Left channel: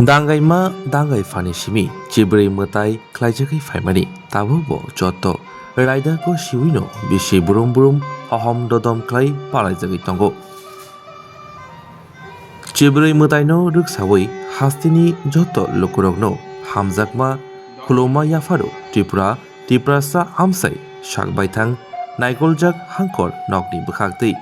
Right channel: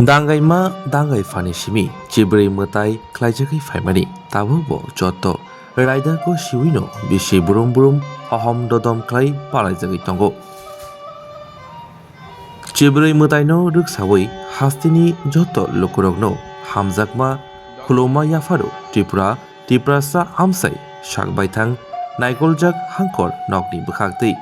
दांगाइमा दांगाइ फानि सिमी चिब्रै मताइ ख्लाइजाखै फाइमानि ताबो जत रायदाखौ सिविनो बिसि बुरुम बुरुम हहम ददम ख्लाइ पालाइजाखै तंगो चिब्रै मताइनो रुकसावै हास्तिनि जत लुकुरगनो हामजाकमा खुलौमा याफारो त्रिपुरासा आमसाइ साकबायथां नाइगलजाक हांकर नकनि बखागदै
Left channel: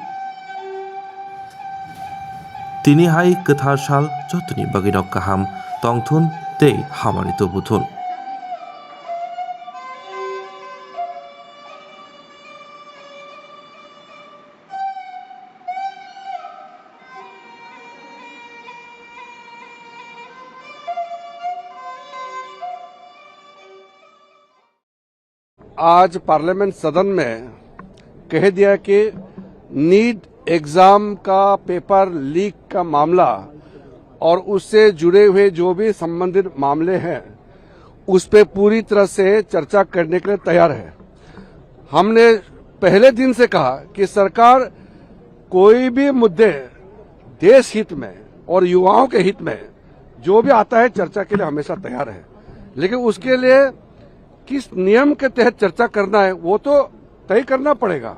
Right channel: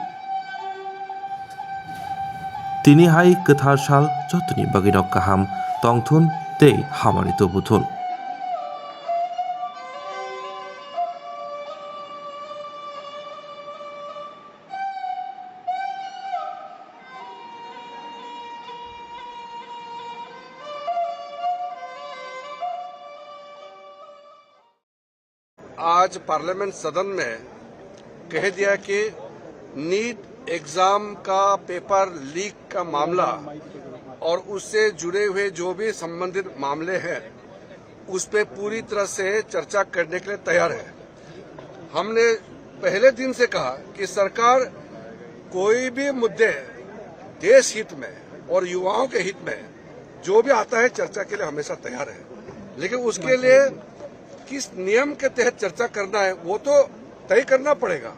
तिनी हाई कथार साल जतनी बगिनो काहाम तंथुन ते हामानि तबुथुन आज पार्लियामेंट सदन में कह दिया कि नीट एग्जाम का पेपर लीक का मामला और उससे जुड़े हुए जो भी संबंधित मामले हैं उस पे पूरी तरह से चर्चा करने के लिए तैयार है। हमने पहले दिन से कहा कि सरकार कोई भी मुद्दे देश हित में और युवाओं के हित में जो भी आता है चर्चा के लिए हमेशा तैयार है, लेकिन उसके लिए किस नियम के तहत चर्चा करना है वो तो तय करना पड़ेगा।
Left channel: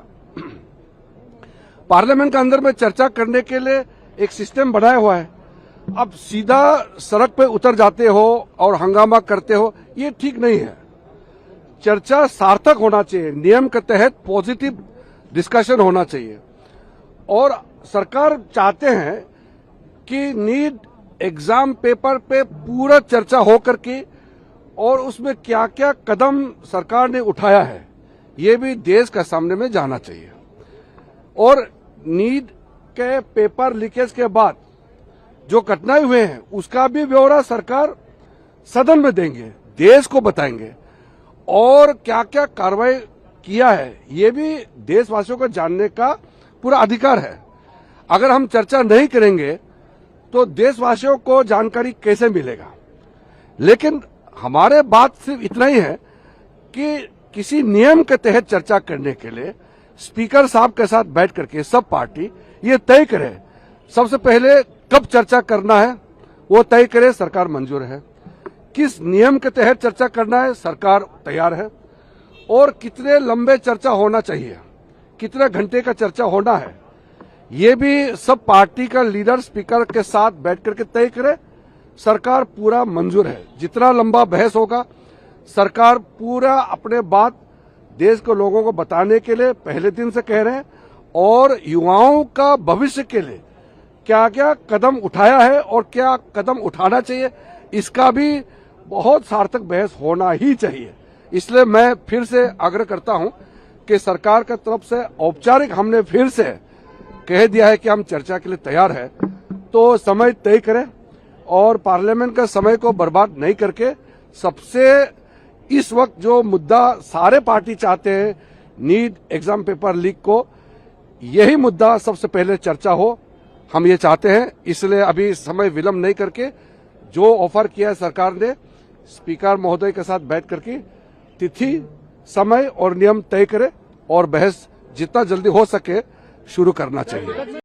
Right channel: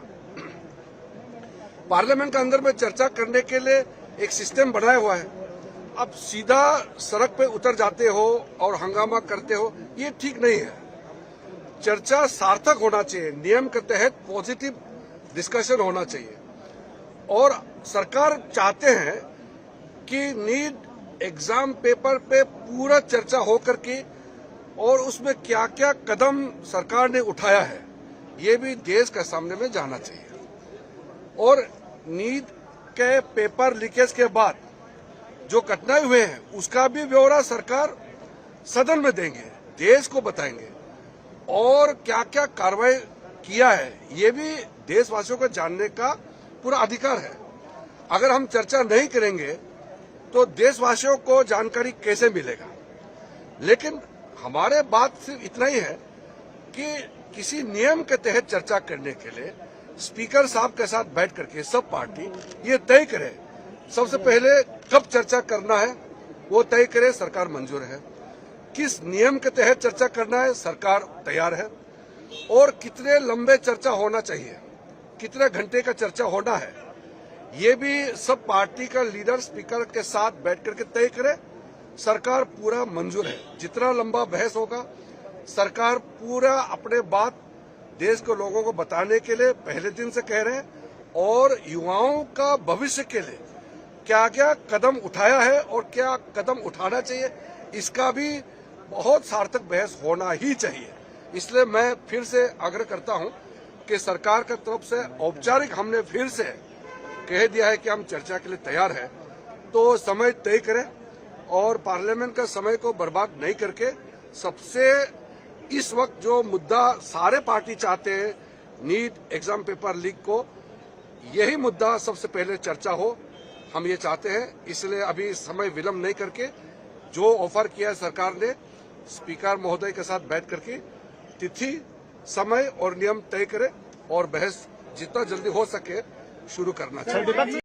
पार्लियामेंट के अंदर में चर्चा करने के लिए एक सिस्टम बनाया हुआ है। अब सीधा सड़क पे उतर जाते हो और हंगामा करते हो, ये ठीक नहीं है। चर्चा सार्थक होना चाहिए, नियम के तहत पॉजिटिव डिस्कशन होना चाहिए। और सरकार चाहते हैं कि नीट एग्जाम पेपर पे पूरा चर्चा हो करके और उसमें क्या क्या कदम सरकार ने उठाया है ये भी देश के सामने में जाना चाहिए। और नीट के पेपर लीकेज के बाद जो घटनाएं हुए हैं उसका भी ब्यौरा सरकार सदन में देंगे, देश को बताएंगे और क्या क्या कार्रवाई किया है ये भी देशवासियों को जानने का पूरा अधिकार है। अगर हम चर्चा नहीं करेंगे तो देशवासियों को जानकारी कैसे मिलेगा। लेकिन हमारे बात सिर्फ इतना ही है कि किसी नियम के तहत चर्चा करने के लिए स्पीकर साहब के साथ बैठ करके सब पार्टी ये तय करे, सबसे पहले कब चर्चा करना है वो तय करे, सरकार मंजूर है। किस नियम के तहत चर्चा करना है सरकार तैयार है। और कितने लंबे चर्चा होना चाहिए, कितने घंटे का चर्चा होना है ये भी सब पार्टी का लीडर स्पीकर के साथ बैठ करके तय करे, सरकार पूरा मंजूर है। जितना लंबा बहस होगा सरकार पूरा अपने बात देश के लोगों को बताने के लिए पहले दिन से कह रहे हैं और युवाओं का भविष्य के लिए क्या क्या कदम उठाया है और क्या कदम उठाना चाहिए इसका भी बहुत सार्थक बहस होना ही चाहिए। इसलिए मैं फिर से आग्रह करता हूं कि सरकार की तरफ से औपचारिक हमने फिर से कह दिया है कि हम चर्चा के लिए तैयार है, तो समय तय करें और पार्लियामेंट का समय को बर्बाद नहीं करके सबसे इस वक्त जो मुद्दा सारे पार्टी चाहते हैं नीट एग्जाम पेपर लीक को, यही मुद्दा सबसे पहले चर्चा हो, हम ये चाहते हैं। इसलिए अभी समय विलंब नहीं करके जो ऑफर किया है सरकार ने स्पीकर महोदय के साथ बैठ करके तिथि समय और नियम तय करे और बहस जितना जल्दी हो सके शुरू करना चाहिए।